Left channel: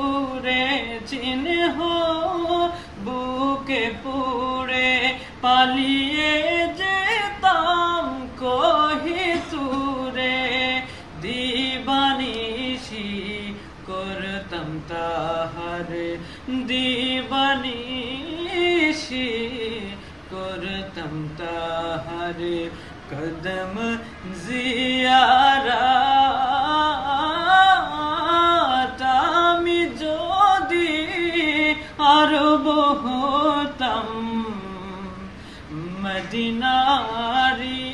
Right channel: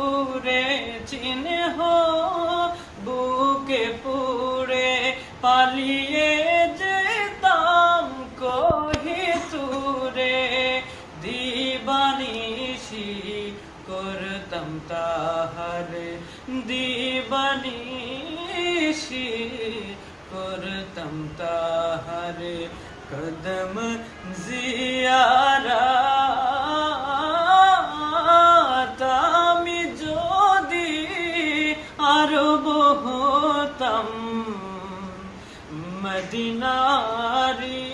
দূরে চিহ্ন বুকে পুড়ে পালিয়ে যেতাম কহি তুরে দিবানিশি করতাম তাহার দিবানিশি করতাম তাহার কদম জিয়ারাত আমি যদি আরব হতাম মদিনারি